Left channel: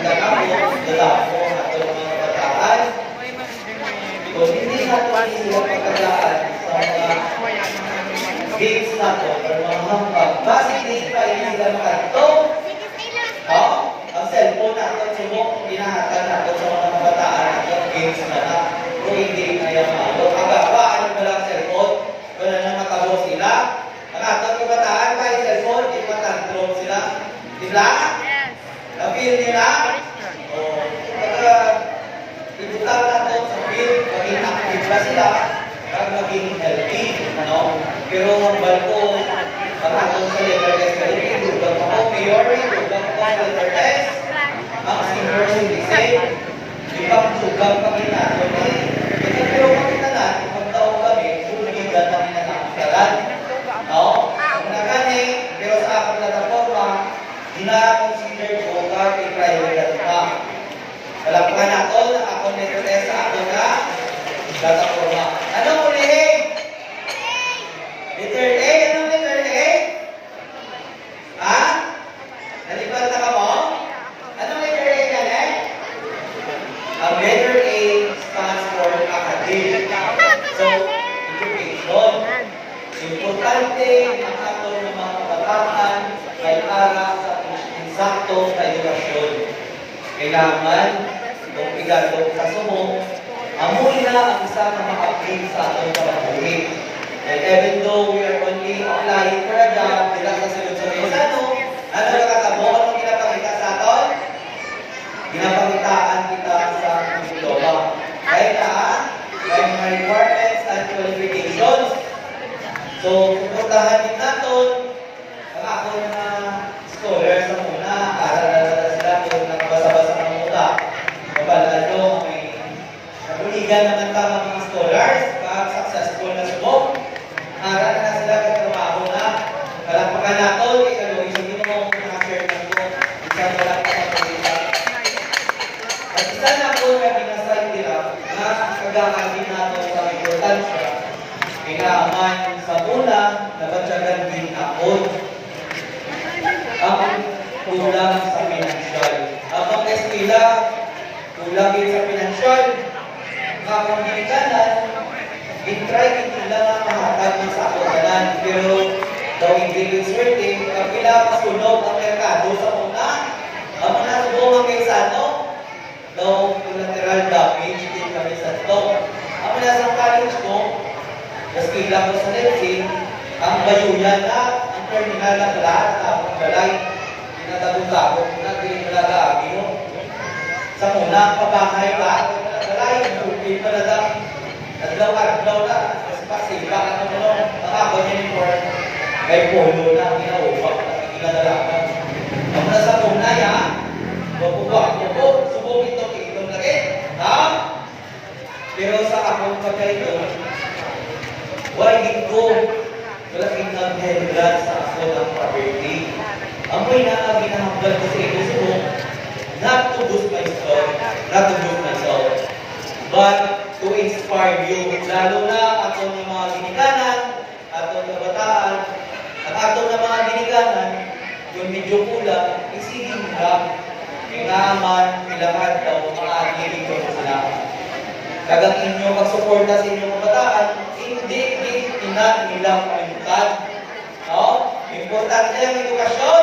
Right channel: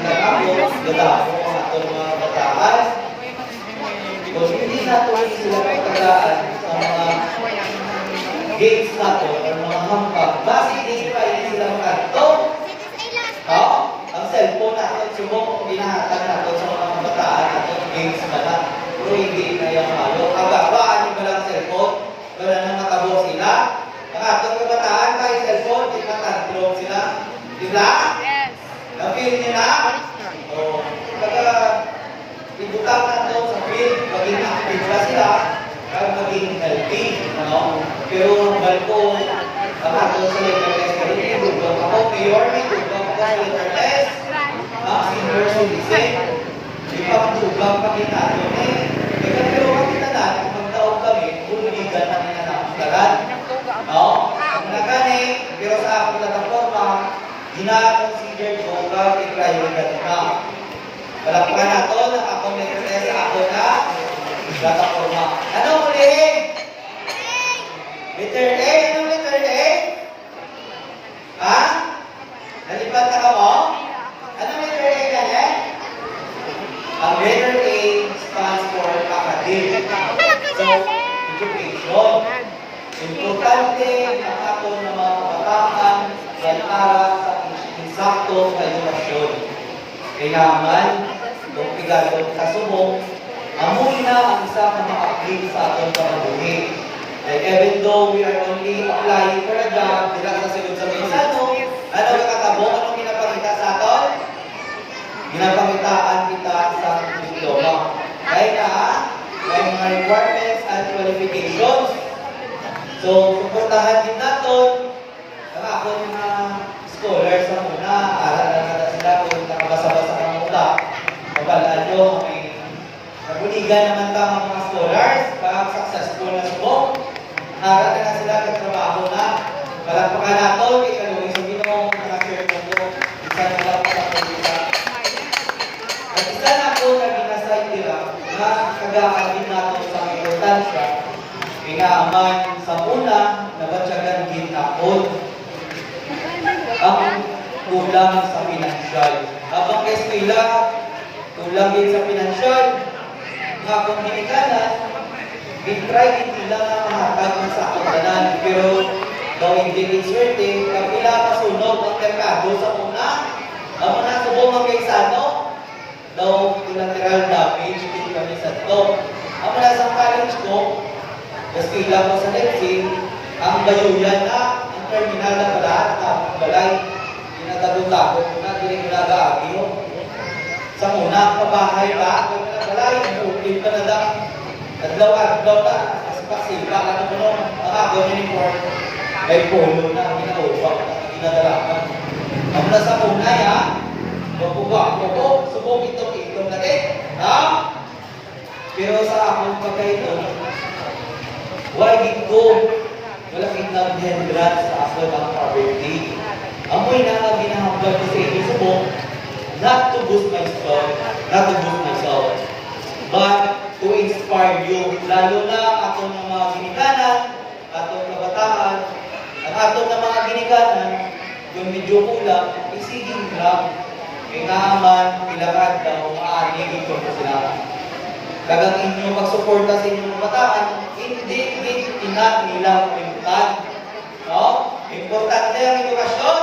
lalabos, lalabo ang ato mga kabataan. Kung hindi nato sila pagkagaan sa mga games nato o mga hambag, base din pa sila nato. Ang cellphone nato, subok, inahatag nato sa mga kabataan nato, games na na. Kung hindi na yung malo, kababaan yung walang cellphone, wala nang matabok sila. Ang atong kabataan pa yung cellphone, di ba tantrum sila? Diba? Yes. Na-feel nila? O, kaya, ibutan nato sa field, maging active ba sila, at maging healthy, ano? Pero ang balko, ang atong sa letter test, kasi ibubang ako, mayor, ibubang ako sa letter test, ang senior citizen, ipag-tubang kami nato eh. Kaya pero kami na natin, magtaong kami, buligan kami na nakakaran. No? Ang nakani, pero sa aking plataforma, gina-consider ko ka i-private ka. Kalakpan nato na ako nito sa ako na plataforma. Anong ulihin? Letter A? Anong letter A? Ha? Nalipat na ka mo? Anong letter A ka na? Ang letter A stands for academic. So, education. Importante ang ato ng mga kabataan ay para sa insaktong na edukasyon. Kailangan, kung igatong kasubong, amoy na ang isa ka maka-upgrade sa atong panabuhi. Like even though we are only applying for a job, dila sa sunod sa mesano, ano nakatabo, anong ginapakita sa aton? Ginapakitaan kita sa diploma. Kaya na, may mga requirements and qualifications. So, suportahan din natin ang ako mga scholars sa muna, aral na sila kung nakabasa-basa ng muna. Mabalaan nyo, nabuligan naman tamang mga scholars, successful na subok. Aral na sila kung trabaho na. Kalakpakan natin, ikaluwi sa ginawang na-share mo ito. Isa na lang sa pagkita. At isa na po na binasay nila na kagaan din natin sa importansya. Kailangan sa una, nabatsagan din ako ang kulang sa pinansyal. Habang eskila, kulang din sa pinansyal, mga komunikanan, i-try din nila na mahatag sa kaganan. Pero, daw hindi din swerte, kapila masunog ang merkado sa una, ang mga subong ang kaisano, daw collateral damage, hindi kami sa ito. Ang mga sa college ko, eskila ko sa nursing, ang bayulan na, ang terminal na lahat, ang balay, tinatagong-tagong na, tinatagong mo. Sa muna, pabahay ka, balay, upil ka na lang, adlaw-adlaw ka, pasipasila ka na mo, nakabang uniform, may polo na, ginawag, ginadalakan. Ang nasa muna yan, mabuwa ko, subok ito na rin, ha? Pero sa akong pagkaito, why dito? Malaking nag-hindran sa ako ng poverty. Amoy na ang ginahamblan kasi gusto mo not to boost myself, but to inspire you. Lalo na atong mga ginikanan, atong kabataan, ang atong mga ginikanan, yung medyo kulang, isiging lang, kailangan, daw, maaari dito sila. Kagang inyong pagsuporta sa inyong kabataan, hindi nila pagintag. No? Importante ang edukasyon.